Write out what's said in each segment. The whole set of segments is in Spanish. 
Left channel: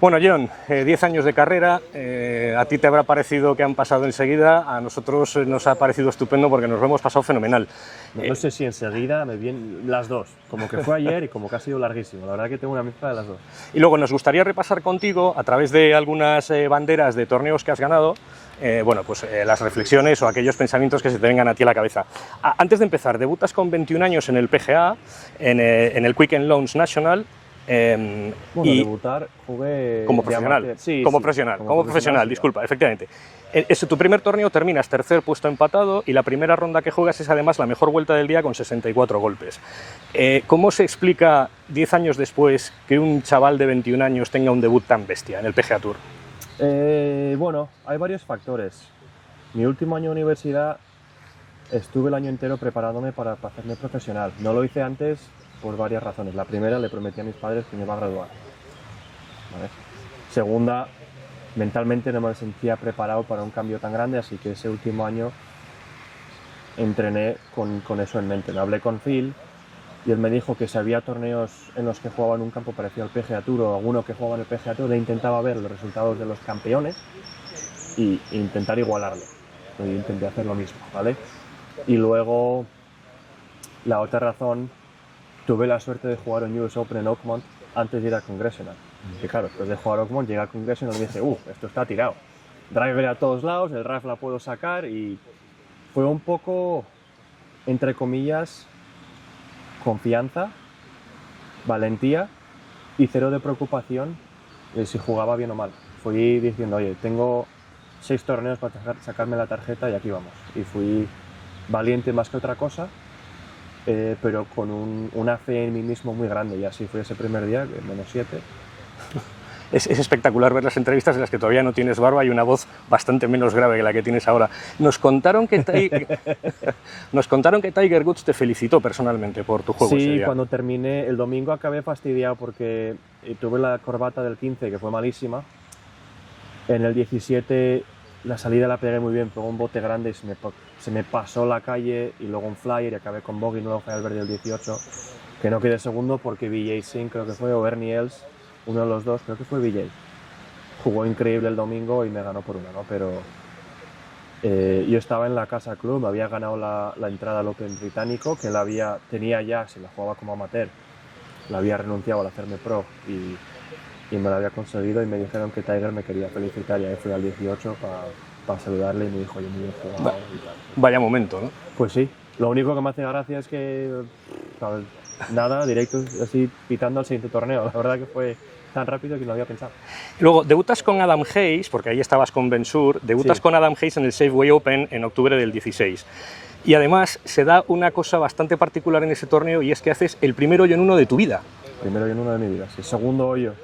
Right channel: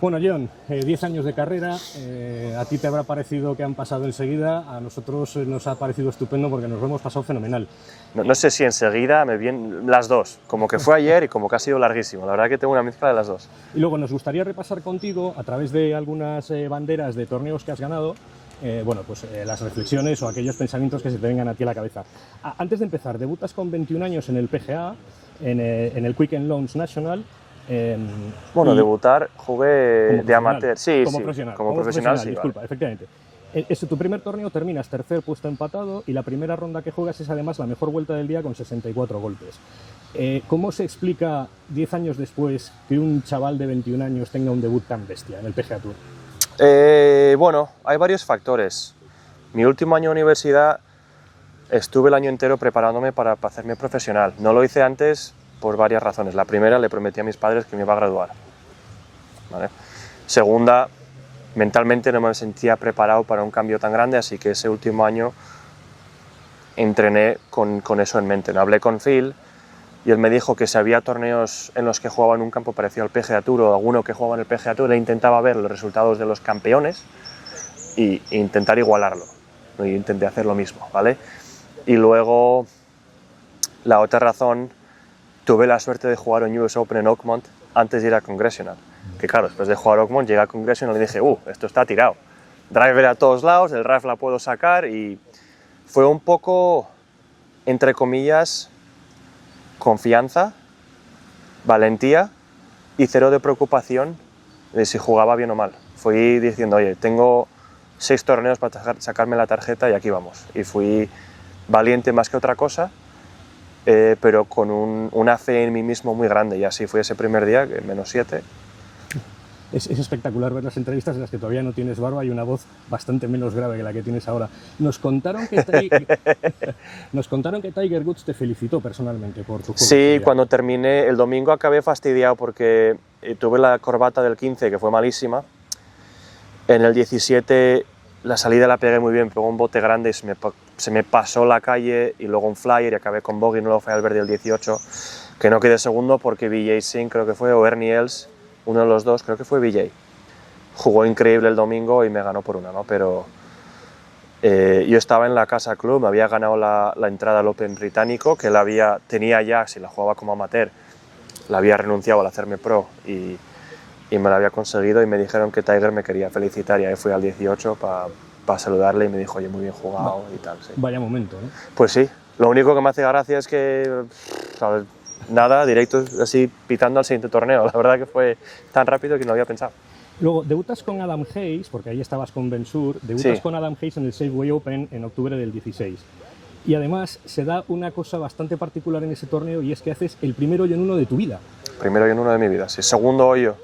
Bueno, John, 10 años de carrera, a ti te habrá parecido que han pasado enseguida, a nosotros nos ha parecido estupendo porque nos lo hemos pasado fenomenal. No sé si enseguida, me vienen las dos, como que fue ayer y como que ha sido larguísimo, la verdad que tengo una mezcla de las dos. Y luego nos gustaría repasar contigo, a través de algunas banderas de torneos que has ganado, las reflexiones o aquellos pensamientos que se te vengan a ti a la cabeza. Antes de empezar, debutas con 21 años en el PGA, en el Quick Loans National. Debutar, jugué como de amateur. Sí, como profesional, sí, disculpa, efectivamente. Tu primer torneo terminas tercer puesto empatado y la primera ronda que juegas es además la mejor vuelta del día con 64 golpes. ¿Cómo se explica 10 años después que un chaval de 21 años tenga un debut tan bestia en el PGA Tour? Hay varios factores. Mi último año de universidad estuve el año entero preparándome para hacerme profesional. No lo hice antes por varias razones. La primera, le prometí a mis padres que me iba a graduar. ¿Vale? Segunda, mentalmente no me sentía preparado para un cambio tan grande, así que ese último año entrené con eso en mente. Hablé con Phil y él me dijo que si había torneos en los que jugaba en un campo parecido al PGA Tour o alguno que jugaba en el PGA Tour, intentaba ver los resultados de los campeones e intentar igualarlo. Y intenté hacer lo mismo, ¿vale? Y luego, la otra razón, tuve la suerte de jugar en US Open en Oakmont antes de ir a Congressional. Que claro, después de jugar a Oakmont, llegué a Congressional y dije, esto está tirado. Driver a todos lados, el drive la puedo sacar y fue un poco, entre comillas, confianza, valentía y cero de preocupación de si jugaba bien o mal. Fui diciendo, oye, tengo 6 torneos para sacarme la tarjeta y aquí vamos. Y fui valiente más que otra cosa, pero con una fe en mí mismo muy grande, y así fue ese primer día, -7. Es espectacular ver las entrevistas en las que todavía no tienes barba y una voz bastante menos grave que la que tienes ahora. Nos contaron que Tiger Woods te felicitó personalmente por tu juego. Sí, cuando terminé, el domingo acabé fastidiado porque tuve la corbata del 15 que fue malísima. En el 17 la salida la pegué muy bien, pegó un bote grande y se me pasó la calle y luego un flyer y acabé con bogey, no lo fue al verde el 18, que no quedé segundo porque BJ Singh creo que fue, o Ernie Els, uno de los dos, creo que fue BJ. Jugó increíble el domingo y me ganó por una, ¿no? Pero yo estaba en la Casa Club, me había ganado la entrada al Open británico, que tenía ya, si la jugaba como amateur, la había renunciado al hacerme pro y me la había conseguido, y me dijeron que Tiger me quería felicitar y ahí fui al 18 para saludarle y me dijo, oye, muy bien jugado y tal. Sí. Vaya momento, ¿no? Pues sí, lo único que me hace gracia es que, ¿sabes? Nada, directo así pitando al siguiente torneo, la verdad que fue tan rápido que no había pensado. Luego, debutas con Adam Hayes, porque ahí estabas con Ben Suhr, debutas con Adam Hayes en el Safeway Open en octubre del 16. Y además se da una cosa bastante particular en ese torneo, y es que haces el primer hoyo en uno de tu vida. Primero hoyo en uno de mi vida, sí. Segundo hoyo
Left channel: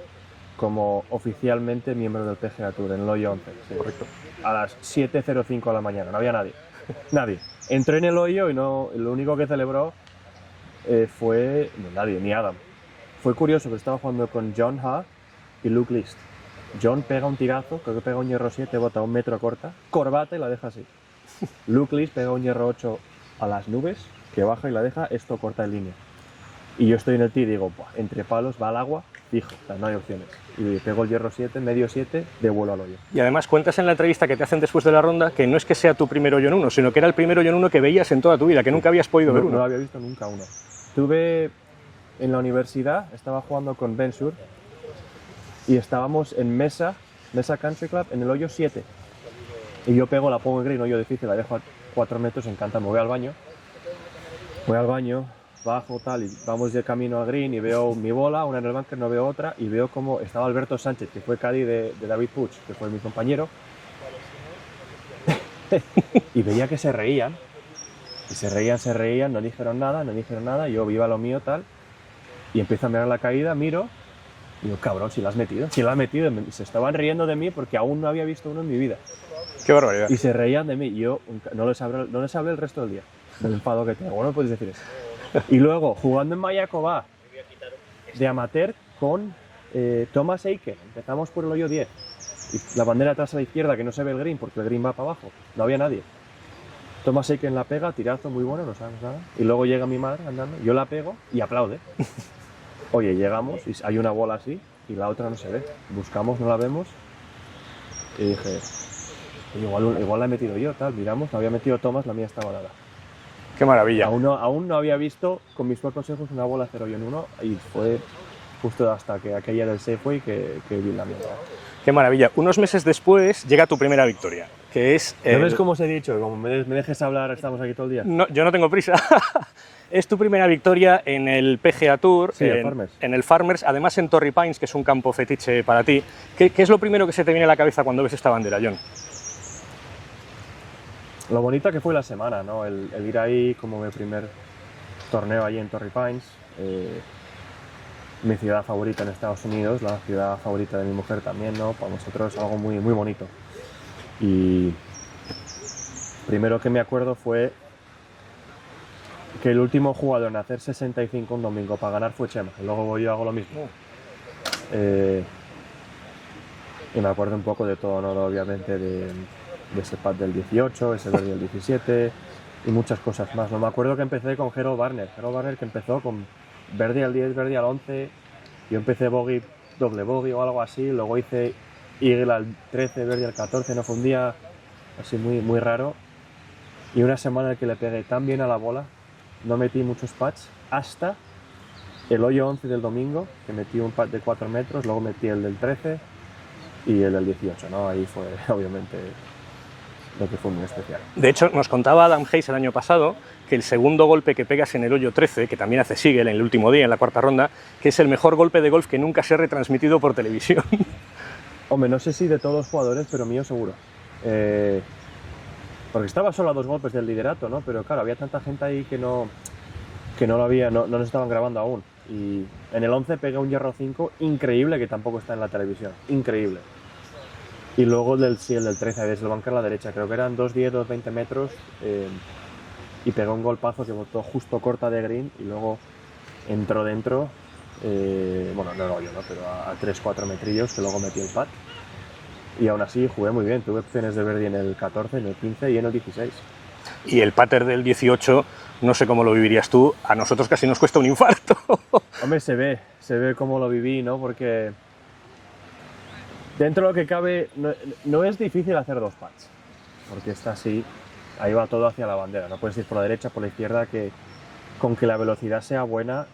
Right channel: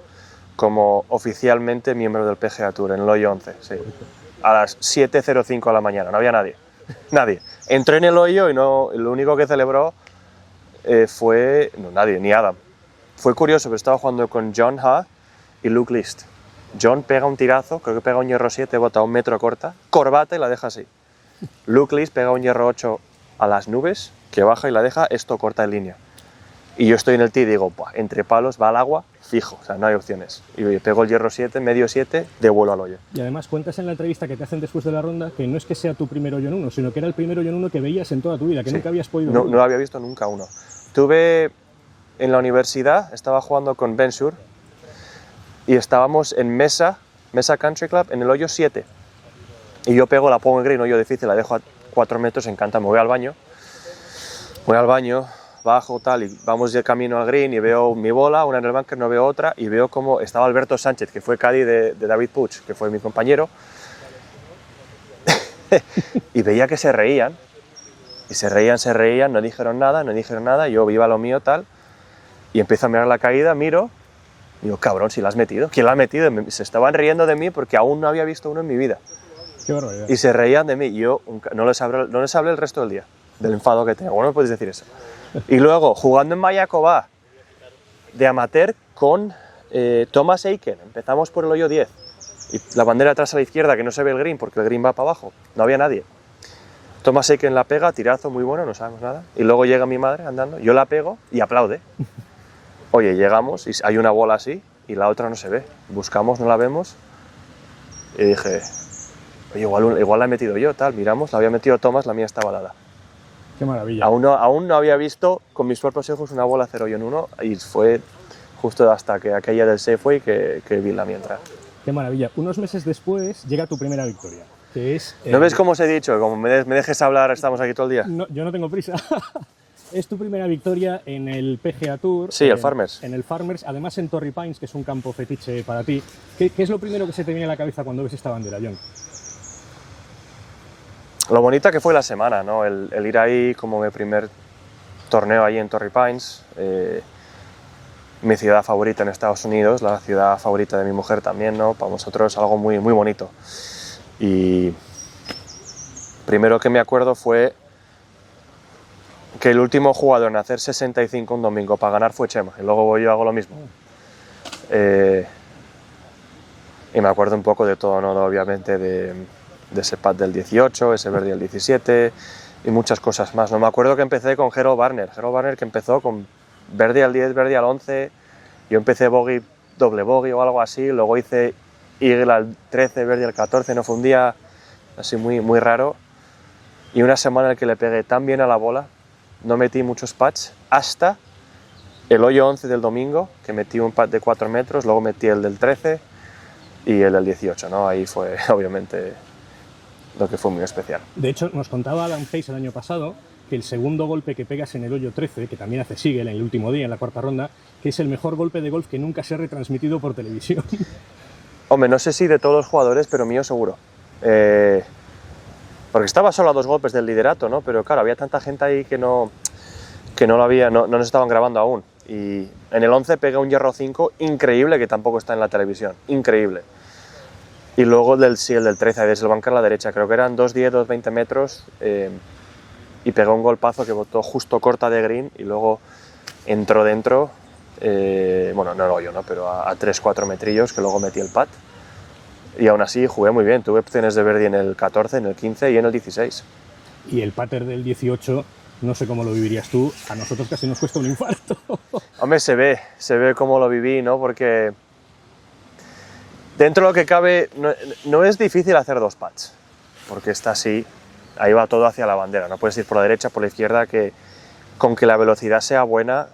como oficialmente miembro del PGA Tour, en el hoyo 11, sí. Correcto. A las 7:05 de la mañana, no había nadie. Nadie. Entré en el hoyo y lo único que celebró fue... No, nadie, ni Adam. Fue curioso, pero estaba jugando con John Ha y Luke List. John pega un tirazo, creo que pega un hierro 7, bota un metro corta, corbata y la deja así. Luke List pega un hierro 8 a las nubes, que baja y la deja, esto corta en línea. Y yo estoy en el tee y digo, entre palos, va al agua, fijo, o sea, no hay opciones. Y pego el hierro 7, medio 7, devuelvo al hoyo. Y además cuentas en la entrevista que te hacen después de la ronda que no es que sea tu primer hoyo en uno, sino que era el primer hoyo en uno que veías en toda tu vida, que nunca habías podido ver. No había visto nunca uno. Tuve en la universidad, estaba jugando con Ben Suhr y estábamos en Mesa Country Club en el hoyo 7. Y yo pego, la pongo en green, hoyo difícil, la dejo a 4 metros, encanta, me voy al baño, bajo tal y vamos de camino al green y veo mi bola, una en el bunker, no veo otra, y veo como estaba Alberto Sánchez, que fue caddy de David Puig, que fue mi compañero, y veía que se reían, no dijeron nada, yo iba a lo mío tal, y empiezo a mirar la caída, miro, y digo, cabrón, si la has metido, ¿quién la ha metido? Se estaban riendo de mí porque aún no había visto uno en mi vida. ¡Qué barbaridad! Y se reían de mí, y yo no les hablé el resto del día, del enfado que tengo, bueno, me puedes decir eso. Y luego, jugando en Mayaková, de amateur, con Thomas Aiken. Empezamos por el hoyo 10. Y la bandera atrás a la izquierda, que no se ve el green, porque el green va para abajo. No había nadie. Thomas Aiken la pega, tirazo muy bueno, no sabemos nada. Y luego llega mi madre andando, yo la pego y aplaude. Oye, llegamos y hay una bola así, y la otra no se ve. Buscamos, no la vemos, y dije, oye, igual la he metido yo, tal, miramos, la había metido Thomas, la mía estaba dada. Qué maravilla. Aún no había visto con mis propios ojos una bola 0 y un 1, y fue justo hasta que aquella del Safeway que vi la mía entrar. Qué maravilla. Unos meses después llega tu primera victoria, que es... ¿No ves cómo os he dicho? Como me dejes hablar, estamos aquí todo el día. No, yo no tengo prisa. Es tu primera victoria en el PGA Tour. Sí, el Farmers. En el Farmers, además en Torrey Pines, que es un campo fetiche para ti. ¿Qué es lo primero que se te viene a la cabeza cuando ves esta bandera, John? Lo bonita que fue la semana, ¿no? El ir ahí como mi primer torneo ahí en Torrey Pines, mi ciudad favorita en Estados Unidos, la ciudad favorita de mi mujer también, ¿no? Para nosotros algo muy, muy bonito. Y primero que me acuerdo fue que el último jugador en hacer 65 un domingo para ganar fue Chema, y luego yo hago lo mismo. Y me acuerdo un poco de todo, ¿no? Obviamente de ese pad del 18, ese birdie del 17 y muchas cosas más. No me acuerdo que empecé con Harold Varner que empezó con birdie al 10, birdie al 11, yo empecé bogey, doble bogey o algo así, luego hice eagle al 13, birdie al 14, no fue un día así muy, muy raro, y una semana en la que le pegué tan bien a la bola, no metí muchos pads hasta el hoyo 11 del domingo, que metí un pad de 4 metros, luego metí el del 13 y el del 18, ¿no? Ahí fue obviamente lo que fue muy especial. De hecho, nos contaba Adam Hayes el año pasado que el segundo golpe que pegas en el hoyo 13, que también hace Sigel en el último día, en la cuarta ronda, que es el mejor golpe de golf que nunca se ha retransmitido por televisión. Hombre, no sé si de todos los jugadores, pero mío seguro. Porque estaba solo a 2 golpes del liderato, ¿no? Pero claro, había tanta gente ahí que no nos estaban grabando aún. Y en el 11 pegué un hierro 5 increíble, que tampoco está en la televisión, increíble. Y luego el del 13, desde el bunker a la derecha, creo que eran 2.10, 2.20 metros, y pegué un golpazo que botó justo corta de green y luego entró dentro, bueno, no lo yo, ¿no? Pero a 3-4 metrillos, que luego metí el pad. Y aún así jugué muy bien, tuve opciones de birdie en el 14, en el 15 y en el 16. Y el pater del 18, no sé cómo lo vivirías tú, a nosotros casi nos cuesta un infarto. Hombre, se ve cómo lo viví, ¿no? Porque dentro de lo que cabe no es difícil hacer 2 pads, porque está así, ahí va todo hacia la bandera, no puedes ir por la derecha, por la izquierda, que con que la velocidad sea buena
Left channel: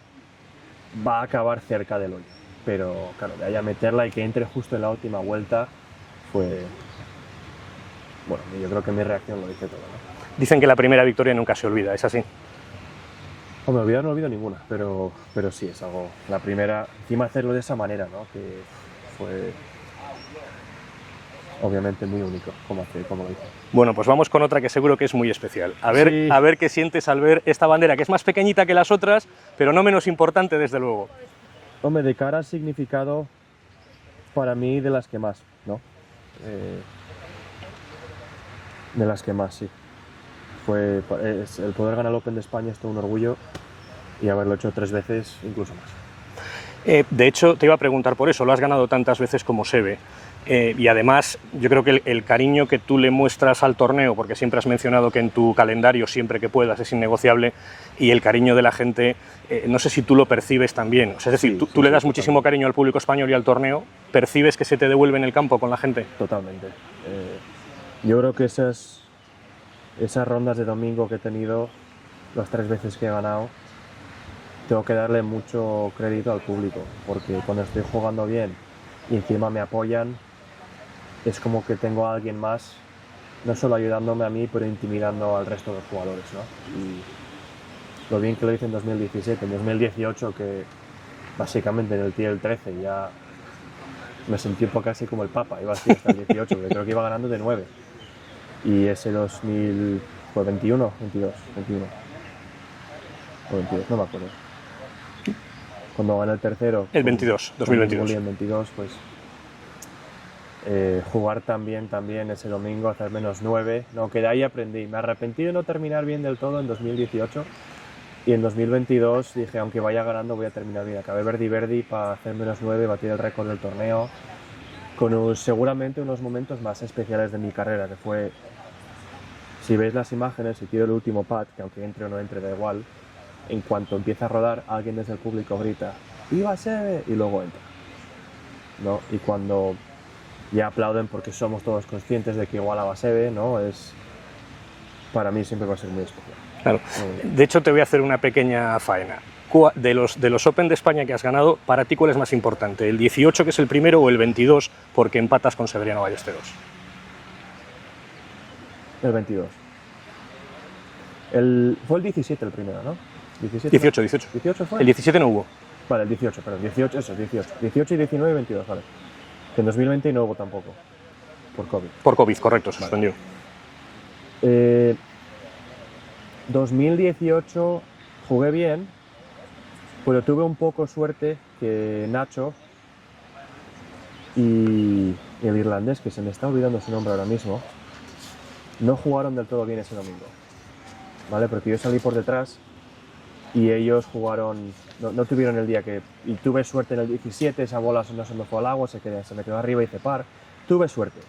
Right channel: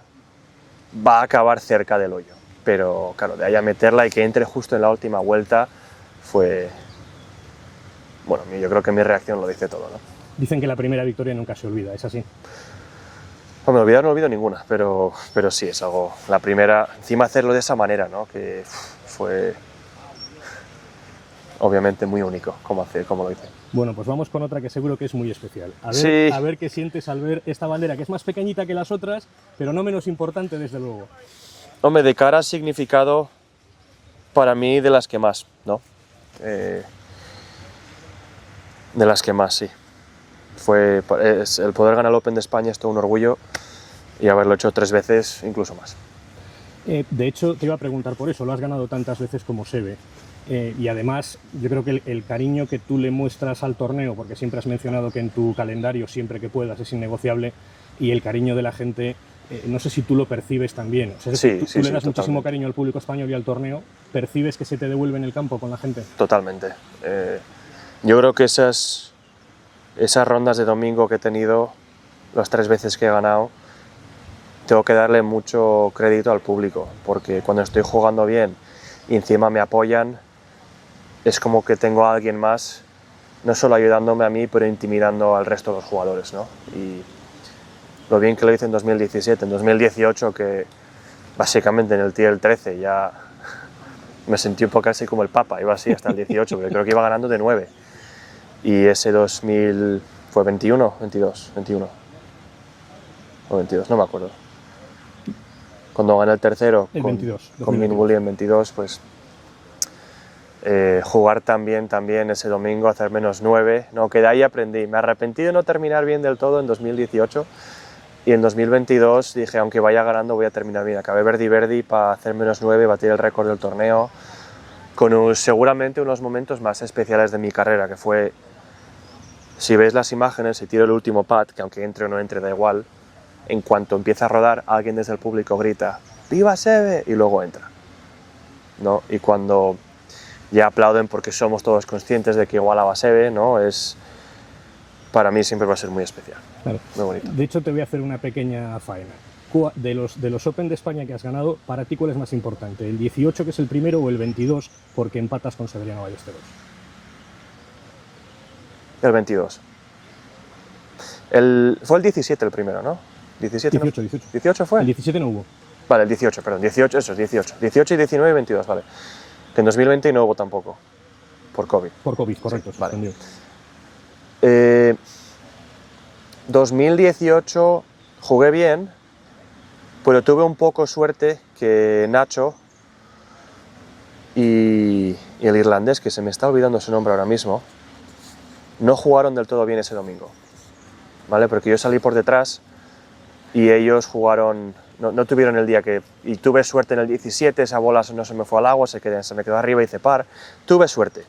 va a acabar cerca del hoyo. Pero claro, de ahí a meterla y que entre justo en la última vuelta fue... Bueno, yo creo que mi reacción lo dice todo, ¿no? Dicen que la primera victoria nunca se olvida, ¿es así? Hombre, olvidar no olvido ninguna, pero sí, es algo... La primera, encima hacerlo de esa manera, ¿no? Que fue obviamente muy único como lo hice. Bueno, pues vamos con otra que seguro que es muy especial. Sí. A ver qué sientes al ver esta bandera, que es más pequeñita que las otras, pero no menos importante, desde luego. Hombre, de cara a significado, para mí de las que más, ¿no? De las que más, sí. El poder ganar el Open de España es todo un orgullo, y haberlo hecho 3 veces, incluso más. De hecho, te iba a preguntar por eso, lo has ganado tantas veces como Seve. Y además, yo creo que el cariño que tú le muestras al torneo, porque siempre has mencionado que en tu calendario, siempre que puedas, es innegociable, y el cariño de la gente, no sé si tú lo percibes también. O sea, es decir, tú le das muchísimo cariño al público español y al torneo, ¿percibes que se te devuelve en el campo con la gente? Totalmente. Yo creo que esas rondas de domingo que he tenido, las 3 veces que he ganado, tengo que darle mucho crédito al público, porque cuando estoy jugando bien y encima me apoyan, es como que tengo a alguien más, no solo ayudándome a mí, pero intimidando al resto de los jugadores, ¿no? Y lo bien que lo hice en 2017, en 2018, que básicamente en el tee del 13 ya me sentí un poco así como el Papa, iba así hasta el 18, pero creo que iba ganando de 9. Y ese 2000 fue 21, 22, 21 o 22, no me acuerdo. Cuando gané el tercero, el 22, 2022. Con Billy en 22, pues jugar también ese domingo, hacer menos 9, no, que de ahí aprendí. Me arrepentí de no terminar bien del todo en 2018, y en 2022 dije, aunque vaya ganando voy a terminar bien. Acabé birdie para hacer menos 9, batir el récord del torneo, con seguramente unos momentos más especiales de mi carrera, que fue, si ves las imágenes y tiro el último pad, que aunque entre o no entre da igual, en cuanto empieza a rodar, alguien desde el público grita, ¡Viva Seve! Y luego entra. ¿no? Y cuando ya aplauden porque somos todos conscientes de que igualaba a Seve, ¿no? Para mí siempre va a ser muy especial. Claro. Muy bonito. De hecho, te voy a hacer una pequeña faena. De los Open de España que has ganado, para ti, ¿cuál es más importante? ¿El 18, que es el primero, o el 22, porque empatas con Severiano Ballesteros? El 22. Fue el 17 el primero, ¿no? 17, 18, 18. ¿18 fue? El 17 no hubo. Vale, el 18, perdón. 18, eso, 18. 18 y 19 y 22, vale. Que en 2020 no hubo tampoco, por COVID. Por COVID, correcto, se suspendió. 2018 jugué bien, pero tuve un poco suerte que Nacho y el irlandés, que se me está olvidando su nombre ahora mismo, no jugaron del todo bien ese domingo, ¿vale? Porque yo salí por detrás y ellos jugaron, no tuvieron el día que... Y tuve suerte en el 17, esa bola no se me fue al agua, se me quedó arriba y hice par. Tuve suerte.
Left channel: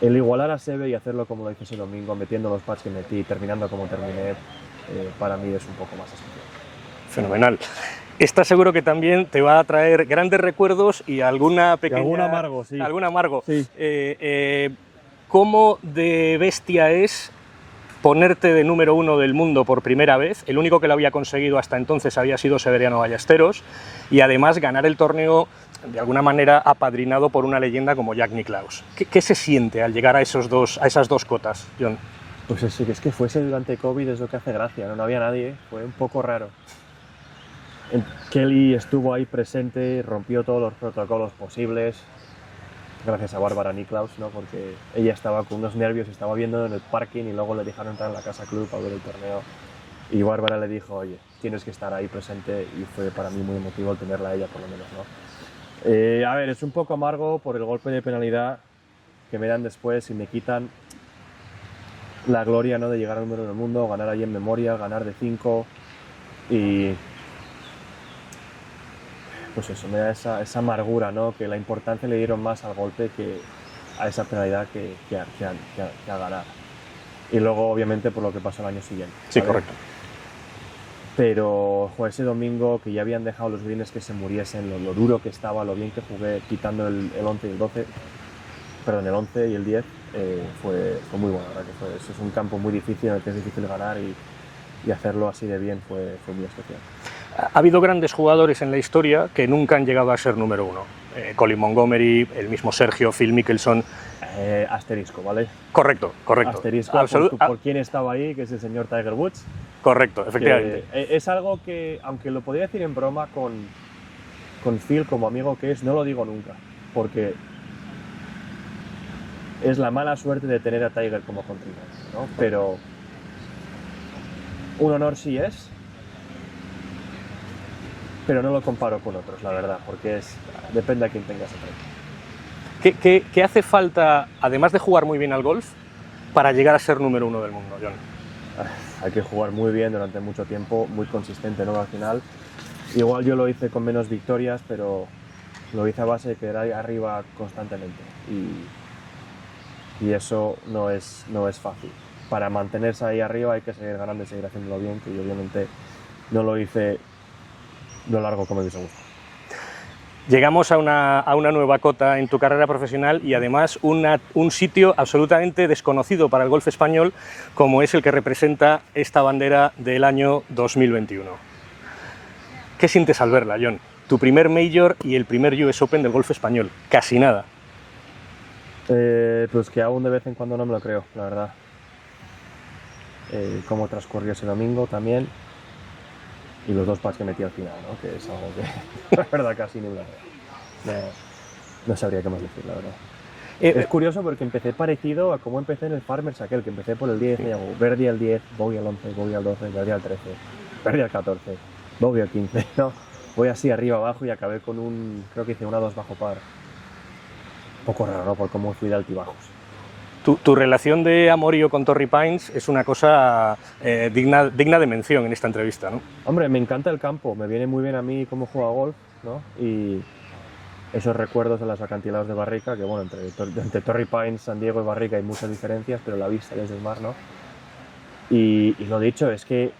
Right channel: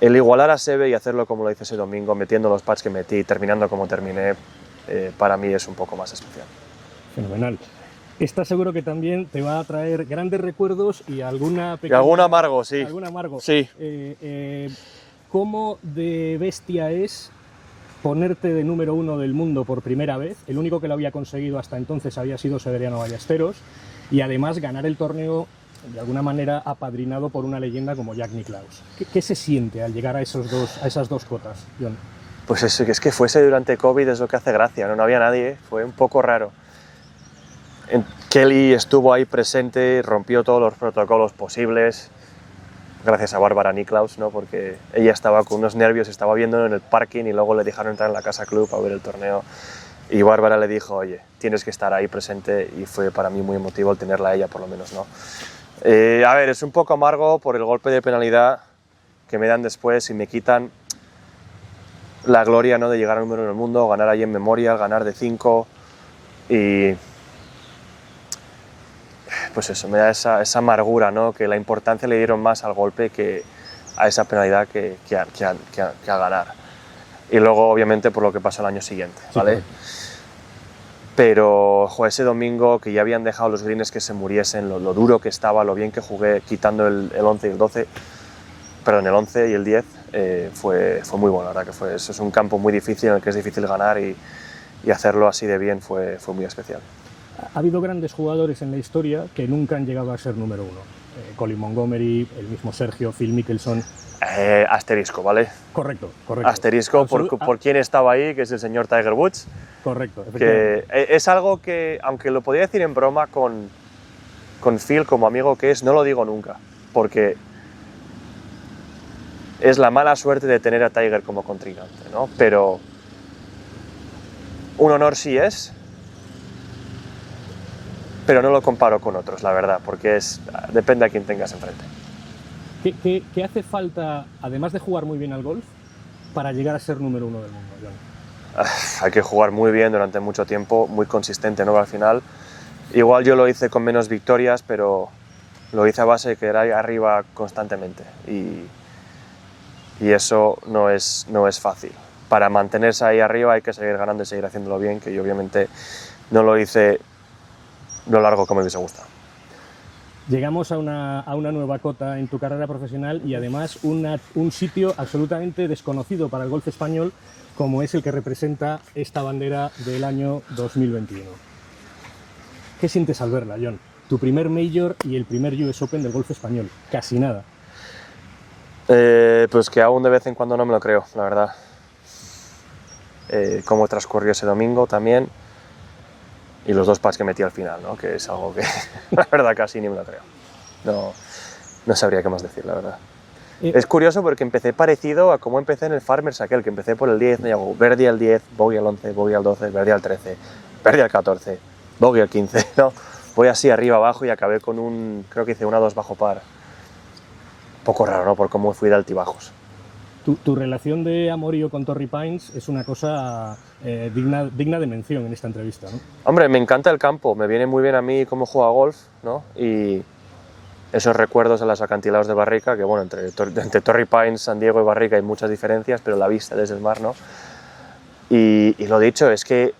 El igualar a Seve y hacerlo como lo hice ese domingo, metiendo los pads que metí, terminando como terminé, para mí es un poco más especial. Fenomenal. Estás seguro que también te va a traer grandes recuerdos y alguna pequeña... Y algún amargo, sí. Algún amargo. Sí. ¿Cómo de bestia es ponerte de número 1 del mundo por primera vez? El único que lo había conseguido hasta entonces había sido Severiano Ballesteros, y además ganar el torneo de alguna manera apadrinado por una leyenda como Jack Nicklaus. ¿Qué se siente al llegar a esas dos cotas, Jon? Pues es que fuese durante COVID es lo que hace gracia, no había nadie, fue un poco raro. Kelly estuvo ahí presente, rompió todos los protocolos posibles, gracias a Bárbara Nicklaus, ¿no? Porque ella estaba con unos nervios, estaba viendo en el parking y luego le dejaron entrar en la Casa Club a ver el torneo. Y Bárbara le dijo, oye, tienes que estar ahí presente, y fue para mí muy emotivo el tenerla a ella, por lo menos, ¿no? A ver, es un poco amargo por el golpe de penalidad que me dan después y me quitan la gloria, ¿no? De llegar al número 1 del mundo, ganar ahí en Memorial, ganar de 5 y... Pues eso, me da esa amargura, ¿no? Que la importancia le dieron más al golpe que a esa penalidad que a ganar. Y luego, obviamente, por lo que pasó el año siguiente, ¿vale? Sí, correcto. Pero ese domingo, que ya habían dejado los greens que se muriesen, lo duro que estaba, lo bien que jugué, quitando el 11 y el 12, perdón, el 11 y el 10, fue muy bueno, la verdad que eso es un campo muy difícil, en el que es difícil ganar, y hacerlo así de bien fue muy especial. Ha habido grandes jugadores en la historia que nunca han llegado a ser número 1. Colin Montgomery, el mismo Sergio, Phil Mickelson. Asterisco, ¿vale? Correcto. Asterisco por quién estaba ahí, que es el señor Tiger Woods. Correcto, efectivamente. Es algo que, aunque lo podría decir en broma con Phil como amigo que es, no lo digo nunca, porque es la mala suerte de tener a Tiger como contrincante, ¿no? Pero un honor sí es, pero no lo comparo con otros, la verdad, porque depende a quién tengas enfrente. ¿Qué hace falta, además de jugar muy bien al golf, para llegar a ser número 1 del mundo, Jon? Hay que jugar muy bien durante mucho tiempo, muy consistente, ¿no? Al final, igual yo lo hice con menos victorias, pero lo hice a base de quedar ahí arriba constantemente, y eso no es fácil. Para mantenerse ahí arriba hay que seguir ganando y seguir haciéndolo bien, que yo obviamente no lo hice lo largo como me hubiese gustado. Llegamos a una nueva cota en tu carrera profesional, y además un sitio absolutamente desconocido para el golf español, como es el que representa esta bandera del año 2021. ¿Qué sientes al verla, Jon? Tu primer Major y el primer US Open del golf español. Casi nada. Pues que aún de vez en cuando no me lo creo, la verdad. Cómo transcurrió ese domingo también, y los 2 putts que metí al final, ¿no? Que es algo que la verdad casi ni me lo creo. No sabría qué más decir, la verdad. Es curioso porque empecé parecido a cómo empecé en el Farmers aquel, que empecé por el 10, me llegó birdie al 10, bogey al 11, bogey al 12, birdie al 13, birdie al 14, bogey al 15, ¿no? Voy así arriba abajo y acabé con creo que hice una 2 bajo par. Un poco raro, ¿no? Por cómo fui de altibajos. Tu relación de amorío con Torrey Pines es una cosa digna de mención en esta entrevista, ¿no? Hombre, me encanta el campo, me viene muy bien a mí cómo juega golf, ¿no? Y esos recuerdos de los acantilados de Barrica, que bueno, entre Torrey Pines, San Diego y Barrica hay muchas diferencias, pero la vista desde el mar, ¿no? Y lo dicho, es que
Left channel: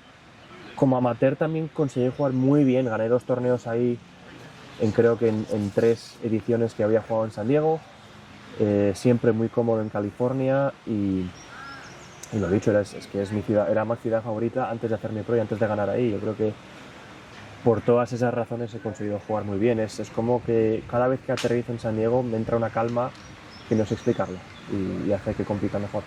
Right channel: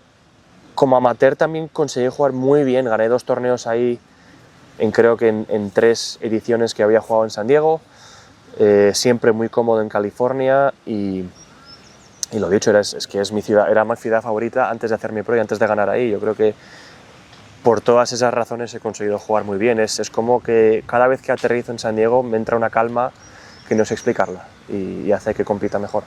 como amateur también conseguí jugar muy bien, gané 2 torneos ahí creo que en 3 ediciones que había jugado en San Diego, siempre muy cómodo en California y lo dicho, es que es mi ciudad, era mi ciudad favorita antes de hacer mi pro y antes de ganar ahí. Yo creo que por todas esas razones he conseguido jugar muy bien. Es como que cada vez que aterrizo en San Diego me entra una calma que no sé explicarla y hace que compita mejor.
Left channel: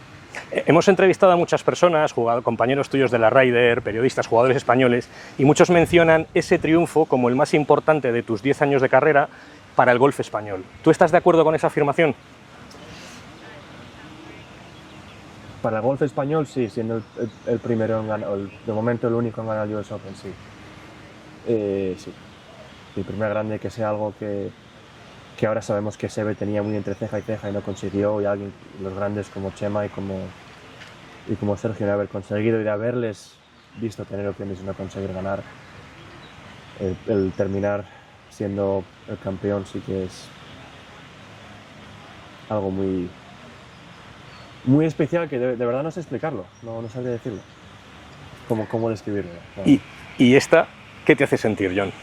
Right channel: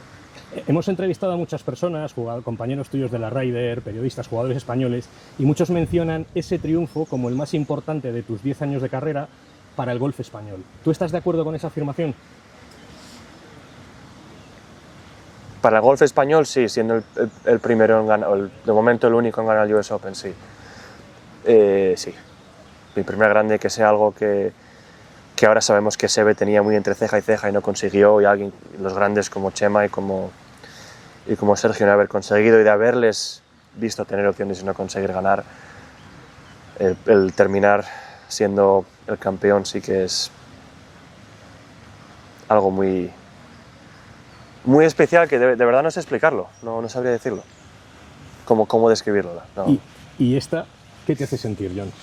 Hemos entrevistado a muchas personas, compañeros tuyos de la Ryder, periodistas, jugadores españoles, y muchos mencionan ese triunfo como el más importante de tus 10 años de carrera para el golf español. ¿Tú estás de acuerdo con esa afirmación? Para el golf español, sí, siendo el primero en ganar, de momento el único en ganar el US Open, sí. Sí. Mi primer grande, que sea algo que ahora sabemos que Seve tenía muy entre ceja y ceja y no consiguió, y los grandes como Chema y como Sergio, de haber conseguido y de haberles visto tener opciones y no conseguir ganar, el terminar siendo el campeón sí que es algo muy especial que de verdad no sé explicarlo, no sabría decirlo, cómo describirlo. No. ¿Y esta qué te hace sentir, Jon?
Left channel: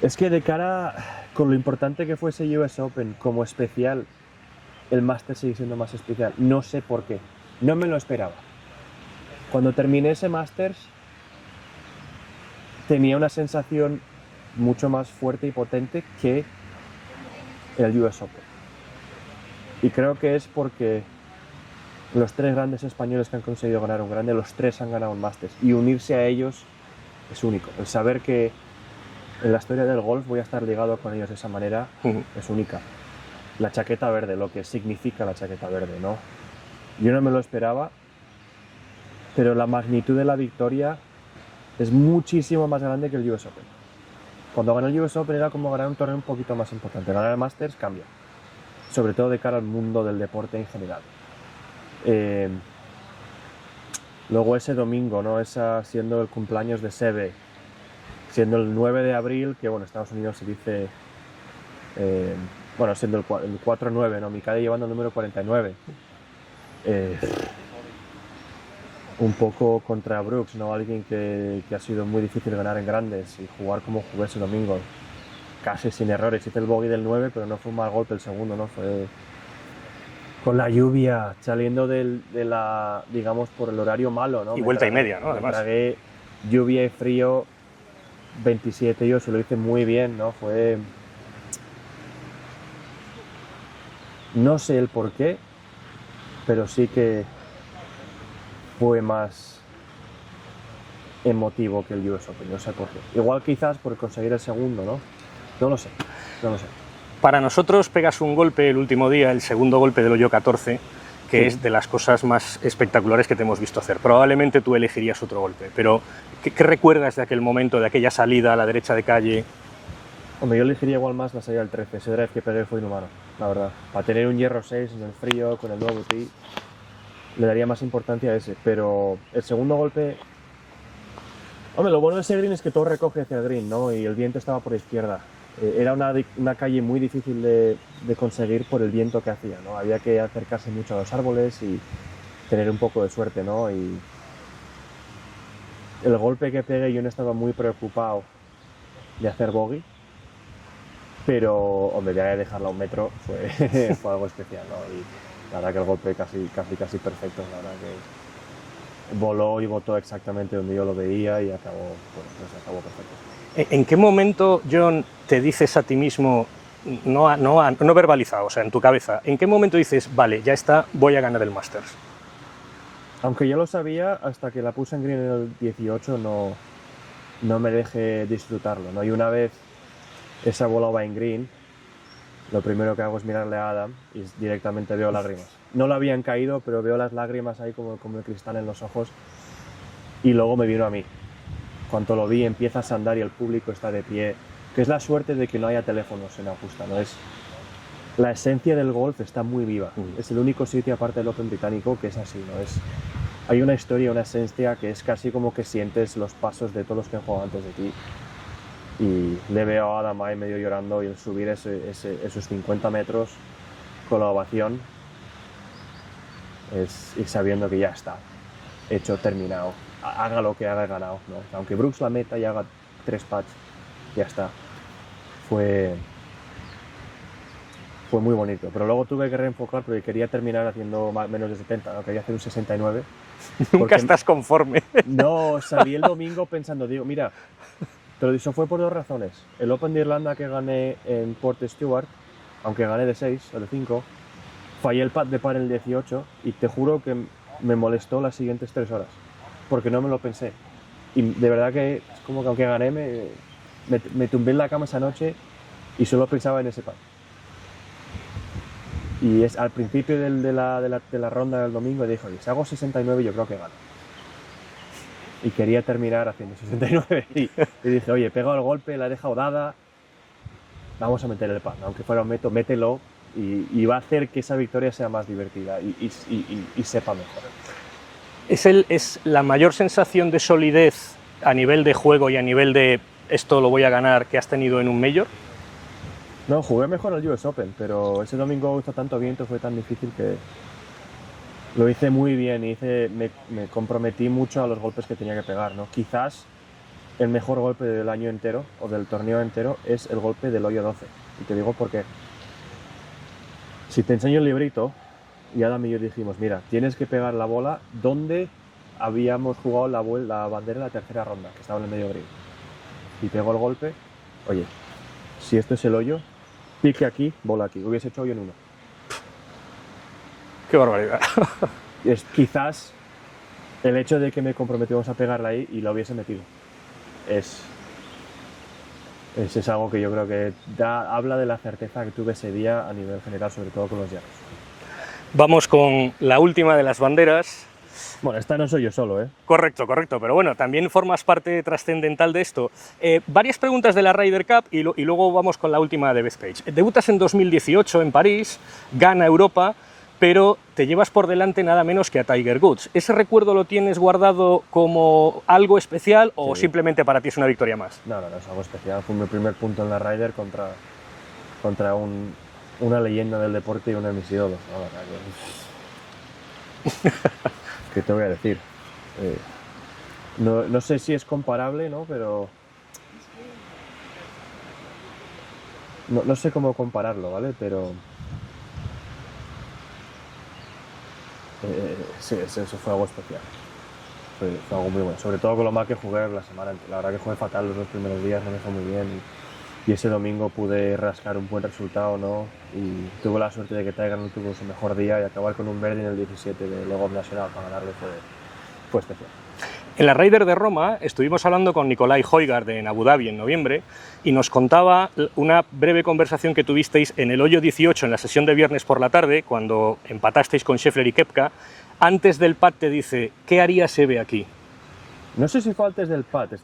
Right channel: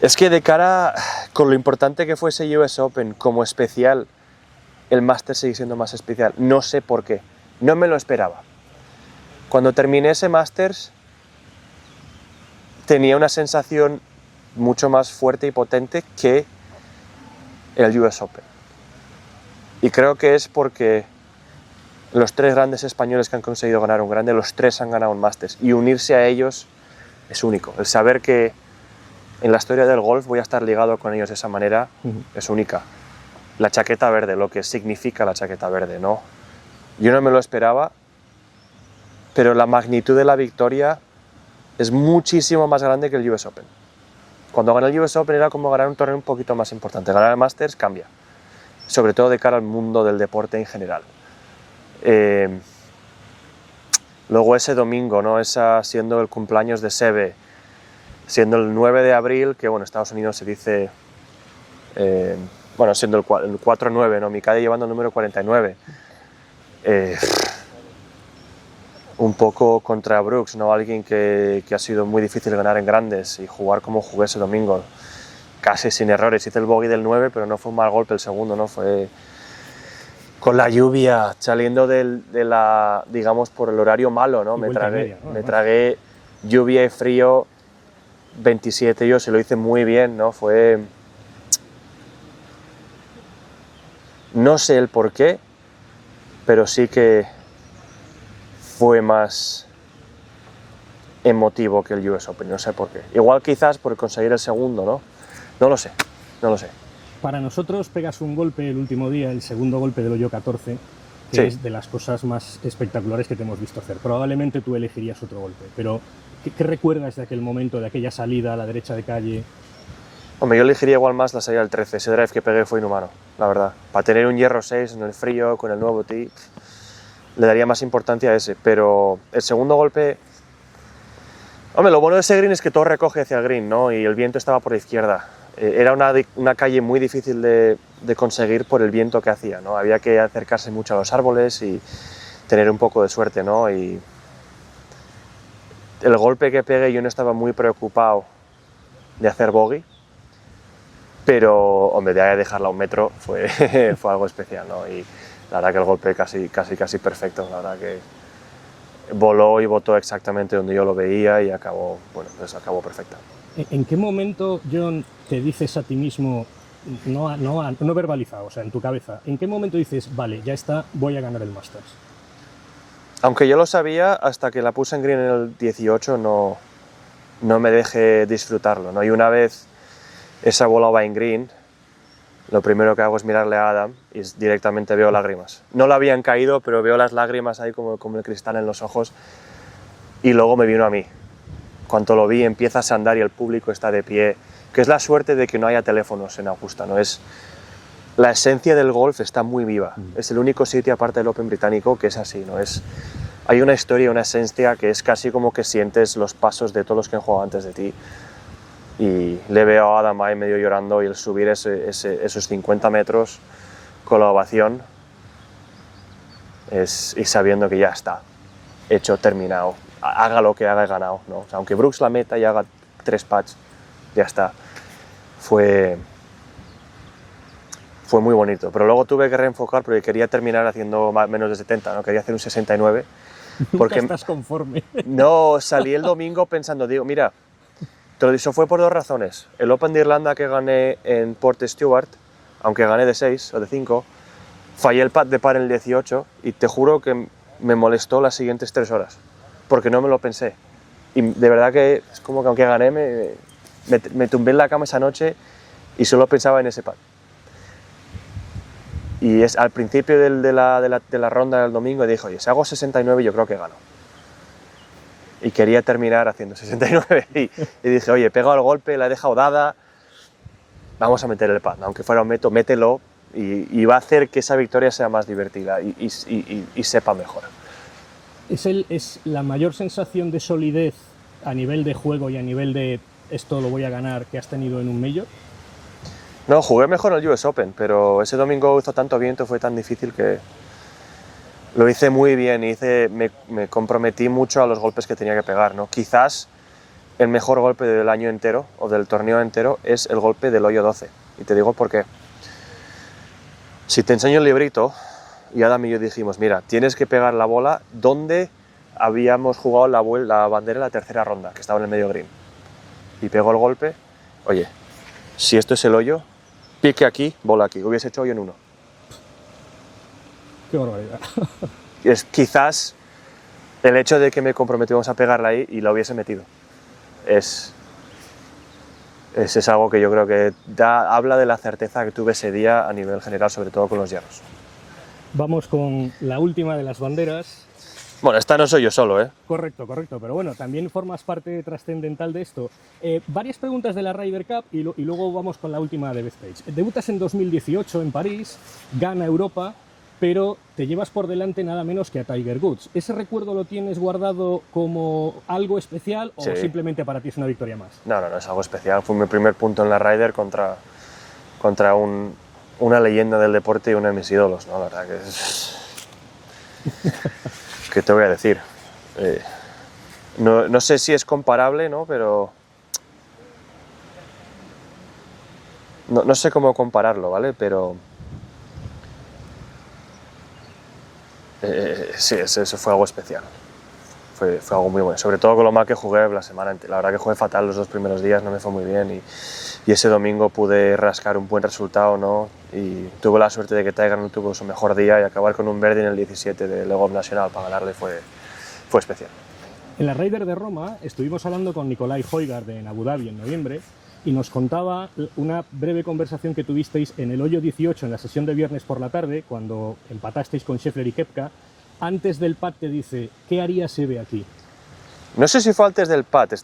Es que de cara, con lo importante que fue ese US Open como especial, el Masters sigue siendo más especial. No sé por qué, no me lo esperaba. Cuando terminé ese Masters tenía una sensación mucho más fuerte y potente que el US Open. Y creo que es porque los 3 grandes españoles que han conseguido ganar un grande, los 3 han ganado un Masters. Y unirse a ellos es único. El saber que en la historia del golf voy a estar ligado con ellos de esa manera es única. La chaqueta verde, lo que significa la chaqueta verde, ¿no? Yo no me lo esperaba, pero la magnitud de la victoria es muchísimo más grande que el US Open. Cuando gané el US Open era como ganar un torneo un poquito más importante. Ganar el Masters cambia, sobre todo de cara al mundo del deporte en general. Luego ese domingo, ¿no? Siendo el cumpleaños de Seve, siendo el 9 de abril, que bueno, en Estados Unidos se dice, siendo el 4-9, ¿no? Mi calle llevando el número 49. Un poco contra Brooks, ¿no? Alguien que ha sido muy difícil ganar en grandes, y jugar como jugué ese domingo, casi sin errores. Hice el bogey del 9, pero no fue un mal golpe el segundo, ¿no? Fue con la lluvia, saliendo digamos, por el horario malo, ¿no? Y vuelta y media, ¿no? Me tragué lluvia y frío, 27 yo, se lo hice muy bien, ¿no? No sé el por qué, pero sí que fue más emotivo que el US Open, no sé por qué. Igual quizás por conseguir el segundo, ¿no? No lo sé. Para nosotros pegas un golpe el último día, el segundo golpe del hoyo 14, que sí, es de las cosas más espectaculares que te hemos visto hacer. Probablemente tú elegirías otro golpe, pero ¿qué recuerdas de aquel momento, de aquella salida a la derecha de calle? Hombre, yo elegiría igual más la salida del 13, ese drive que pegué fue inhumano, la verdad. Para tener un hierro 6 en el frío, con el nuevo tee, le daría más importancia a ese, pero el segundo golpe... Hombre, lo bueno de ese green es que todo recoge hacia el green, ¿no? Y el viento estaba por la izquierda. Era una calle muy difícil de conseguir por el viento que hacía, ¿no? Había que acercarse mucho a los árboles y tener un poco de suerte, ¿no? Y el golpe que pegué, yo no estaba muy preocupado de hacer bogey, pero, hombre, de ahí a dejarla a un metro fue algo especial, ¿no? Y la verdad que el golpe casi perfecto, la verdad que voló y botó exactamente donde yo lo veía y acabó perfecto. ¿En qué momento, Jon, te dices a ti mismo, no verbalizado, o sea, en tu cabeza, en qué momento dices, vale, ya está, voy a ganar el Masters? Aunque yo lo sabía, hasta que la puse en green en el 18 no me dejé disfrutarlo, ¿no? Y una vez esa bola va en green, lo primero que hago es mirarle a Adam y directamente veo lágrimas. No le habían caído, pero veo las lágrimas ahí como el cristal en los ojos, y luego me vino a mí. Cuando lo vi, empiezas a andar y el público está de pie, que es la suerte de que no haya teléfonos en Augusta, ¿no? La esencia del golf está muy viva. Es el único sitio, aparte del Open británico, que es así, ¿no? Hay una historia, una esencia que es casi como que sientes los pasos de todos los que han jugado antes de ti. Y le veo a Adam ahí medio llorando, y el subir esos 50 metros con la ovación y sabiendo que ya está, hecho, terminado. Haga lo que haga, he ganado, ¿no? O sea, aunque Brooks la meta y haga 3 putts, ya está. Fue muy bonito, pero luego tuve que reenfocar porque quería terminar haciendo menos de 70, ¿no? Quería hacer un 69. Nunca estás conforme. No, salí el domingo pensando, digo, mira, eso fue por 2 razones. El Open de Irlanda que gané en Port Stewart, aunque gané de 6 o de 5, fallé el putt de par en el 18 y te juro que me molestó las siguientes 3 horas, porque no me lo pensé. Y de verdad que es como que aunque gané, me tumbé en la cama esa noche y solo pensaba en ese putt. Y al principio de la ronda del domingo dije, oye, si hago 69 yo creo que gano. Y quería terminar haciendo 69 y dije, oye, he pegado el golpe, la he dejado dada, vamos a meter el putt, aunque fuera un meto, mételo y va a hacer que esa victoria sea más divertida y sepa mejor. ¿Es la mayor sensación de solidez a nivel de juego y a nivel de esto lo voy a ganar que has tenido en un Major? No, jugué mejor en el US Open, pero ese domingo hizo tanto viento, fue tan difícil que lo hice muy bien y me comprometí mucho a los golpes que tenía que pegar, ¿no? Quizás el mejor golpe del año entero o del torneo entero es el golpe del hoyo 12. Y te digo por qué. Si te enseño el librito, y Adam y yo dijimos, mira, tienes que pegar la bola donde habíamos jugado la bandera en la tercera ronda, que estaba en el medio green. Y pegó el golpe, oye, si esto es el hoyo, pique aquí, bola aquí. Hubiese hecho hoyo en 1. ¡Qué barbaridad! Es quizás el hecho de que me comprometimos a pegarla ahí y la hubiese metido. Es algo que yo creo que habla de la certeza que tuve ese día a nivel general, sobre todo con los hierros. Vamos con la última de las banderas. Bueno, esta no soy yo solo, ¿eh? Correcto, pero bueno, también formas parte trascendental de esto. Varias preguntas de la Ryder Cup y luego vamos con la última de Bethpage. Debutas en 2018 en París, gana Europa, pero te llevas por delante nada menos que a Tiger Woods. ¿Ese recuerdo lo tienes guardado como algo especial o Sí. simplemente para ti es una victoria más? No, es algo especial. Fue mi primer punto en la Ryder contra una leyenda del deporte y uno de mis ídolos, ¿no? La verdad que ¿qué te voy a decir? No sé si es comparable, ¿no? Pero no sé cómo compararlo, ¿vale? Pero sí, eso fue algo especial. Fue algo muy bueno, sobre todo con lo mal que jugué la semana entera. La verdad que jugué fatal los 2 primeros días, no me fue muy bien y ese domingo pude rascar un buen resultado, ¿no? Y tuve la suerte de que Tiger no tuvo su mejor día y acabar con un birdie en el 17 de Le Golf Nacional para ganarle fue especial. En la Ryder de Roma estuvimos hablando con Nicolai Højgaard en Abu Dhabi en noviembre y nos contaba una breve conversación que tuvisteis en el hoyo 18 en la sesión de viernes por la tarde, cuando empatasteis con Scheffler y Koepka. Antes del putt te dice, ¿qué haría Seve aquí? No sé si fue antes del putt,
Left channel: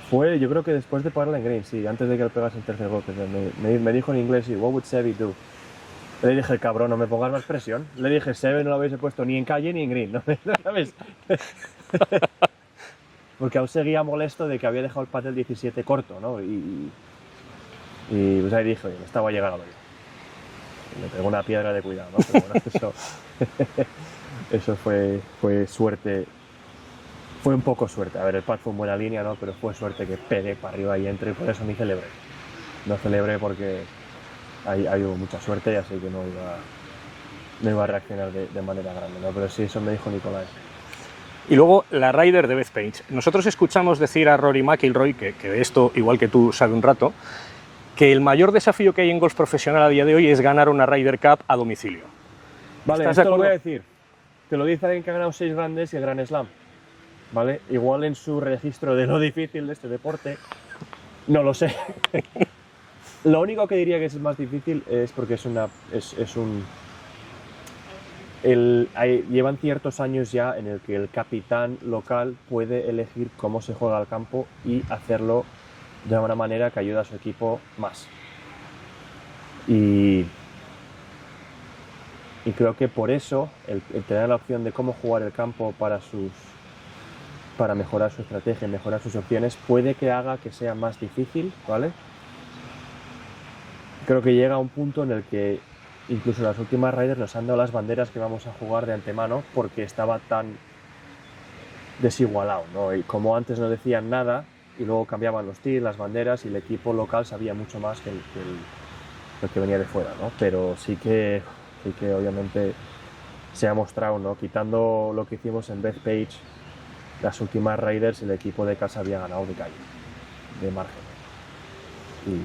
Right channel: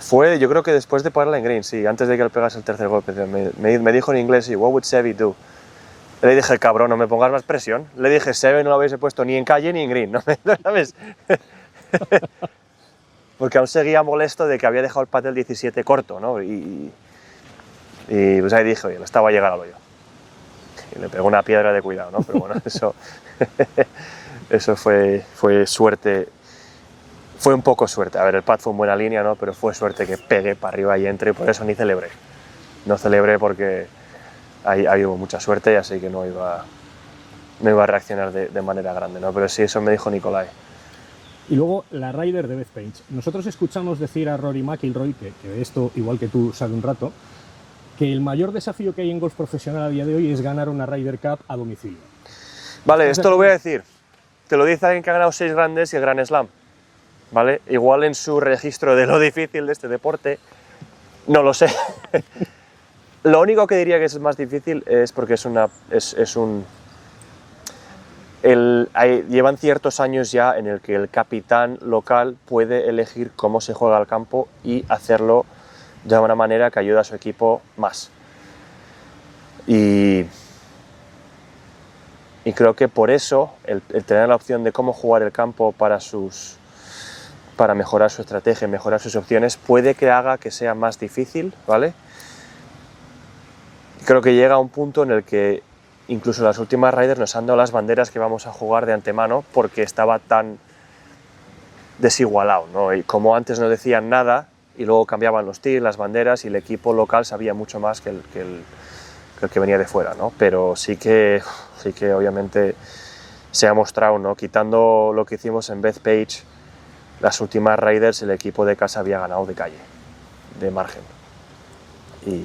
fue yo creo que después de ponerla en green, sí, antes de que él pegase el tercer golpe. Me dijo en inglés, what would Seve do? Le dije, cabrón, no me pongas más presión. Le dije, Seve no lo hubiese puesto ni en calle ni en green, ¿no? ¿Sabes? Porque aún seguía molesto de que había dejado el putt del 17 corto, ¿no? Y pues ahí dije, oye, me estaba a llegar al hoyo. Y le pegó una piedra de cuidado, ¿no? Pero bueno, eso fue suerte. Fue un poco suerte. A ver, el putt fue en buena línea, ¿no? Pero fue suerte que pegue para arriba y entre, y por eso ni celebré. No celebré porque ahí hubo mucha suerte y así que no iba a reaccionar de manera grande, ¿no? Pero sí, eso me dijo Nicolai. Y luego la Ryder de Bethpage. Nosotros escuchamos decir a Rory McIlroy, que esto, igual que tú, sabe un rato, que el mayor desafío que hay en golf profesional a día de hoy es ganar una Ryder Cup a domicilio. Vale, esto lo voy a decir. Te lo dice alguien que ha ganado 6 grandes y el Grand Slam. ¿Vale? Igual en su registro de lo difícil de este deporte, no lo sé. Lo único que diría que es más difícil es porque llevan ciertos años ya en el que el capitán local puede elegir cómo se juega el campo y hacerlo de una manera que ayude a su equipo más. Y creo que por eso el tener la opción de cómo jugar el campo para mejorar su estrategia, mejorar sus opciones, puede que haga que sea más difícil, ¿vale? Creo que llega a un punto en el que incluso las últimas Ryder nos han dado las banderas que vamos a jugar de antemano porque estaba tan desigualado, ¿no? Y como antes no decían nada y luego cambiaban los tirs, las banderas y el equipo local sabía mucho más que el que venía de fuera, ¿no? Pero sí que obviamente se ha mostrado, ¿no? Quitando lo que hicimos en Bethpage, las últimas Raiders, el equipo de casa había ganado de calle, de margen. Y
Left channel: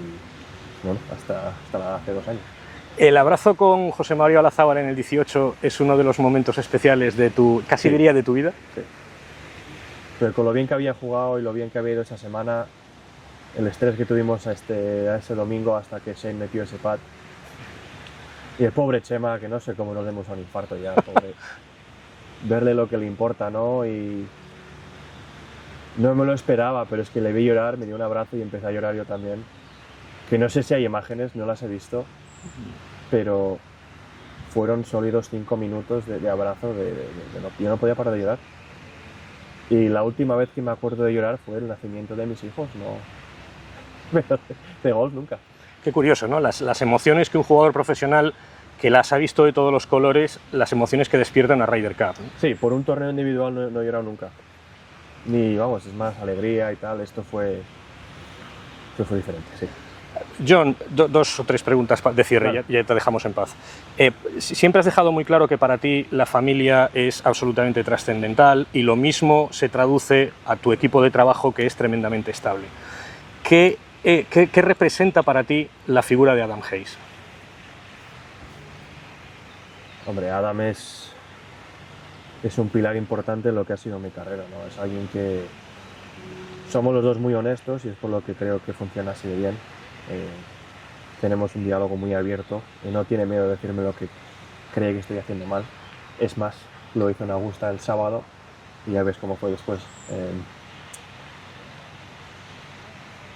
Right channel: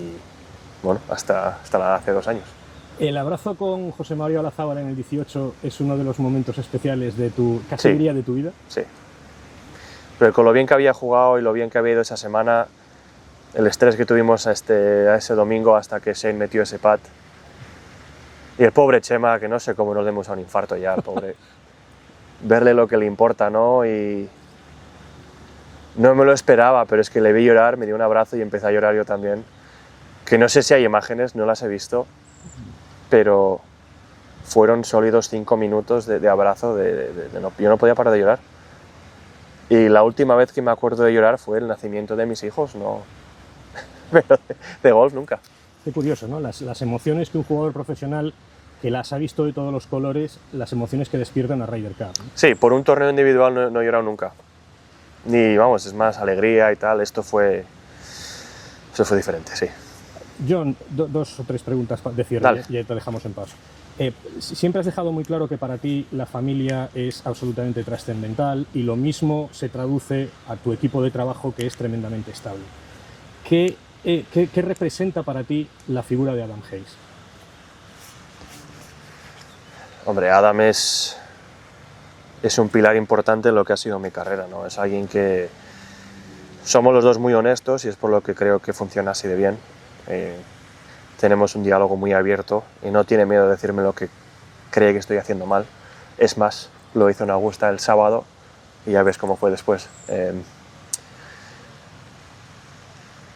bueno, hasta hace 2 años. El abrazo con José Mario Olazábal en el 18 es uno de los momentos especiales de casi Sí. diría de tu vida. Sí. Pero con lo bien que había jugado y lo bien que había ido esa semana, el estrés que tuvimos a ese domingo hasta que Shane metió ese pat. Y el pobre Chema, que no sé cómo nos demos a un infarto ya, pobre. Verle lo que le importa, ¿no? Y no me lo esperaba, pero es que le vi llorar, me dio un abrazo y empecé a llorar yo también. Que no sé si hay imágenes, no las he visto, pero fueron sólidos 5 minutos de abrazo, yo no podía parar de llorar. Y la última vez que me acuerdo de llorar fue el nacimiento de mis hijos, no, pero de golf nunca. Qué curioso, ¿no? Las emociones que un jugador profesional que las ha visto de todos los colores, las emociones que despierta una Ryder Cup, ¿no? Sí, por un torneo individual no he llorado nunca. Ni, vamos, es más alegría y tal, eso fue diferente, sí. John, 2 o 3 preguntas de cierre, ya te dejamos en paz. Siempre has dejado muy claro que para ti la familia es absolutamente trascendental y lo mismo se traduce a tu equipo de trabajo, que es tremendamente estable. ¿Qué representa para ti la figura de Adam Hayes? Hombre, Adam es un pilar importante en lo que ha sido mi carrera, ¿no? Es alguien que somos los dos muy honestos y es por lo que creo que funciona así de bien. Tenemos un diálogo muy abierto y no tiene miedo de decirme lo que cree que estoy haciendo mal. Es más, lo hizo en Augusta el sábado y ya ves cómo fue después.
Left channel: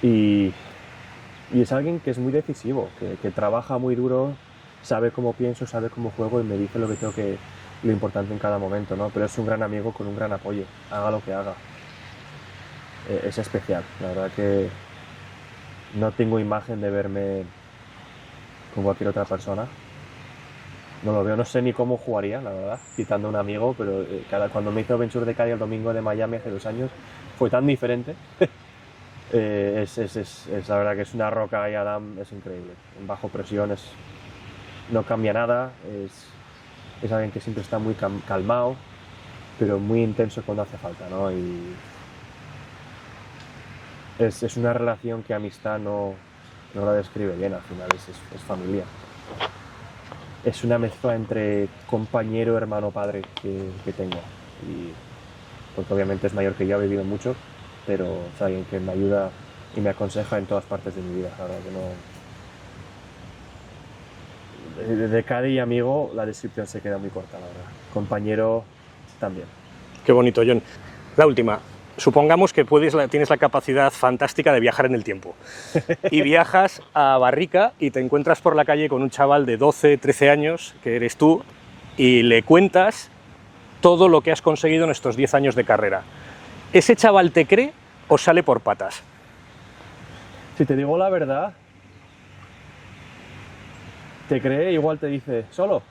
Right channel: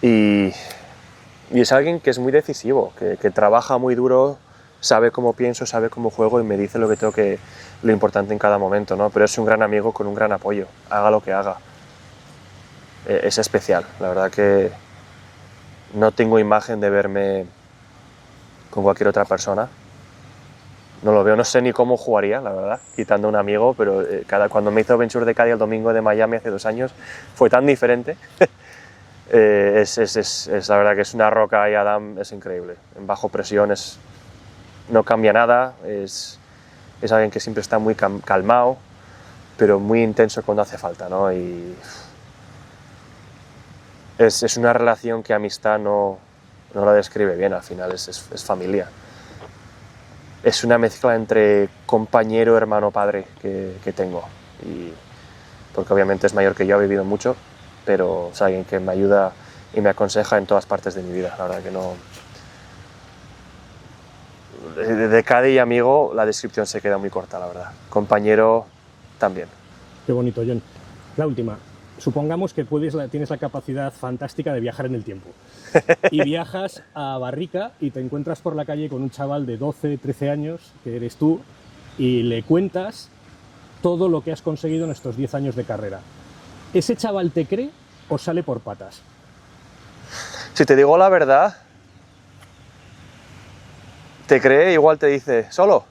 Y es alguien que es muy decisivo, que trabaja muy duro, sabe cómo pienso, sabe cómo juego y me dice lo importante en cada momento, ¿no? Pero es un gran amigo con un gran apoyo, haga lo que haga. Es especial, la verdad que no tengo imagen de verme con cualquier otra persona. No lo veo, no sé ni cómo jugaría, la verdad, quitando un amigo, pero cuando me hizo Venture de Cádiz el domingo de Miami hace 2 años, fue tan diferente. Es la verdad que es una roca y Adam es increíble. En bajo presión no cambia nada, es alguien que siempre está muy calmado, pero muy intenso cuando hace falta, ¿no? Y es una relación que amistad no la describe bien, al final es familia. Es una mezcla entre compañero, hermano, padre que tengo. Porque obviamente es mayor que yo, ha vivido mucho, pero es alguien que me ayuda y me aconseja en todas partes de mi vida. La verdad que no... De caddy y amigo la descripción se queda muy corta, la verdad. Compañero también. Qué bonito, John. La última. Supongamos que tienes la capacidad fantástica de viajar en el tiempo y viajas a Barrica y te encuentras por la calle con un chaval de 12, 13 años, que eres tú, y le cuentas todo lo que has conseguido en estos 10 años de carrera. ¿Ese chaval te cree o sale por patas? Si te digo la verdad, te cree, igual te dice, ¿solo?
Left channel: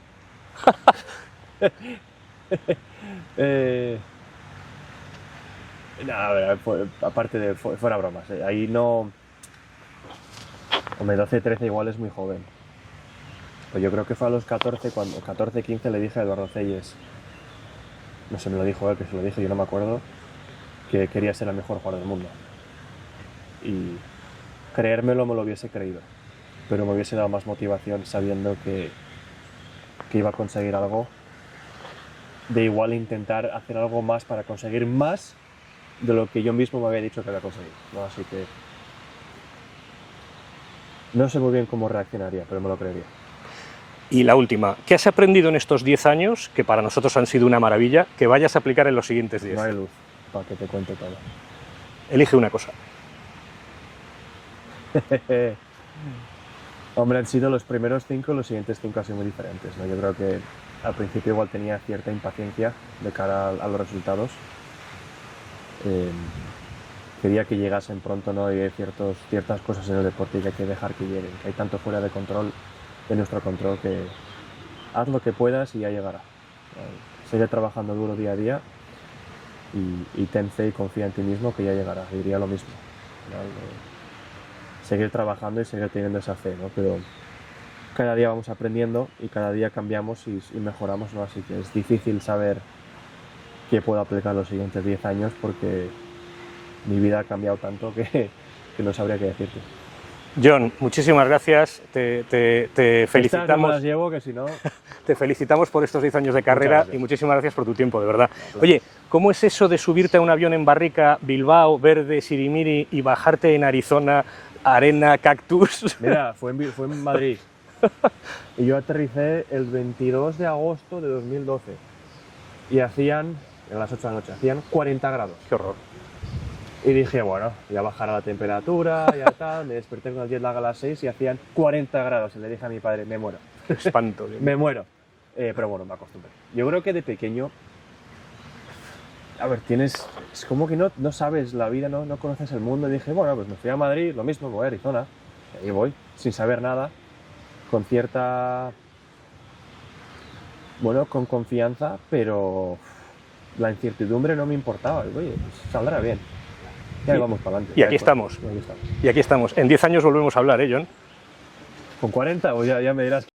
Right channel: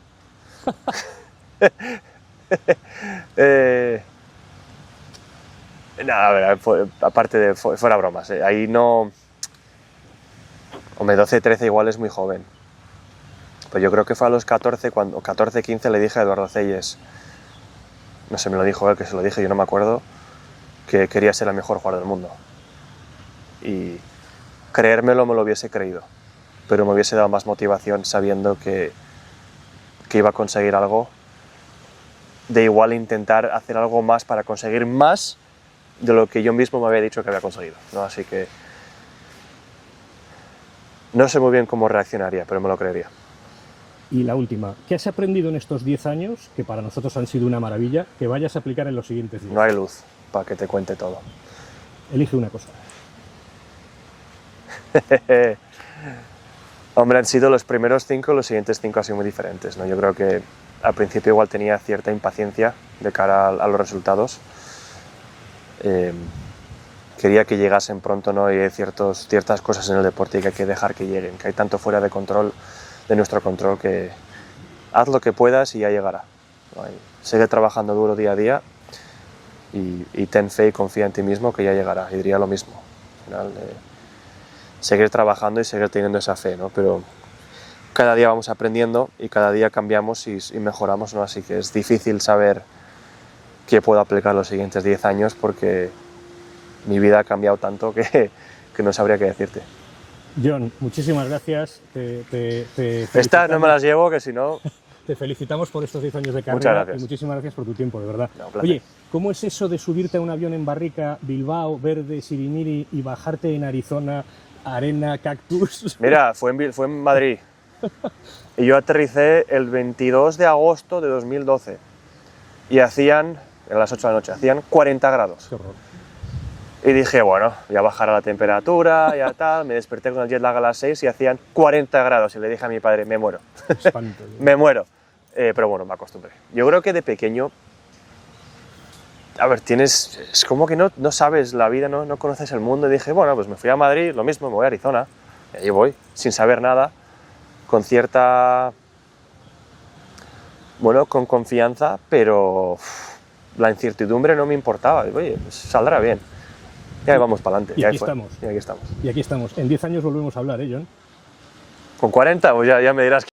Nada, a ver, aparte de fuera bromas, ahí no... Hombre, 12, 13 igual es muy joven. Pues yo creo que fue a los 14, 15 le dije a Eduardo Celles, no sé, me lo dijo él, que se lo dije, yo no me acuerdo, que quería ser el mejor jugador del mundo. Y creérmelo me lo hubiese creído, pero me hubiese dado más motivación sabiendo que iba a conseguir algo, de igual intentar hacer algo más para conseguir más de lo que yo mismo me había dicho que había conseguido, ¿no? Así que no sé muy bien cómo reaccionaría, pero me lo creería. Y la última, ¿qué has aprendido en estos 10 años, que para nosotros han sido una maravilla, que vayas a aplicar en los siguientes 10? No hay luz para que te cuente todo. Elige una cosa. Hombre, han sido los primeros 5, los siguientes 5 han sido muy diferentes, ¿no? Yo creo que al principio igual tenía cierta impaciencia de cara a los resultados. Quería que llegasen pronto, ¿no? Y hay ciertas cosas en el deporte que hay que dejar que lleguen, que hay tanto fuera de control, de nuestro control, que haz lo que puedas y ya llegará. Sigue trabajando duro día a día y ten fe y confía en ti mismo que ya llegará, y diría lo mismo. Al final, seguir trabajando y seguir teniendo esa fe, ¿no? Pero cada día vamos aprendiendo y cada día cambiamos y mejoramos, ¿no? Así que es difícil saber qué puedo aplicar los siguientes 10 años porque mi vida ha cambiado tanto que no sabría qué decirte. John, muchísimas gracias. Te Estas felicitamos. no me las llevo, que si no... Te felicitamos por estos 10 años de carrera y muchísimas gracias por tu tiempo, de verdad. No, Oye, ¿cómo es eso de subirte a un avión en Barrica, Bilbao, Verde, Sirimiri y bajarte en Arizona, arena, cactus? Mira, fue en Madrid y yo aterricé el 22 de agosto de 2012 y hacían, a las 8 de la noche, hacían 40 grados. Qué horror. Y dije, bueno, ya bajará la temperatura, ya tal, me desperté con el jet lag a las 6 y hacían 40 grados y le dije a mi padre, me muero. Espanto. Me muero. Pero bueno, me acostumbré. Yo creo que de pequeño, a ver, es como que no sabes la vida, no conoces el mundo. Y dije, bueno, pues me fui a Madrid, lo mismo, me voy a Arizona. Y ahí voy, sin saber nada, con cierta, bueno, con confianza, pero la incertidumbre no me importaba. Digo, oye, pues saldrá bien. Y ahí vamos para adelante. Y aquí estamos. Y aquí estamos. Y aquí estamos. En 10 años volvemos a hablar, ¿eh, John? Con 40, pues ya me dirás.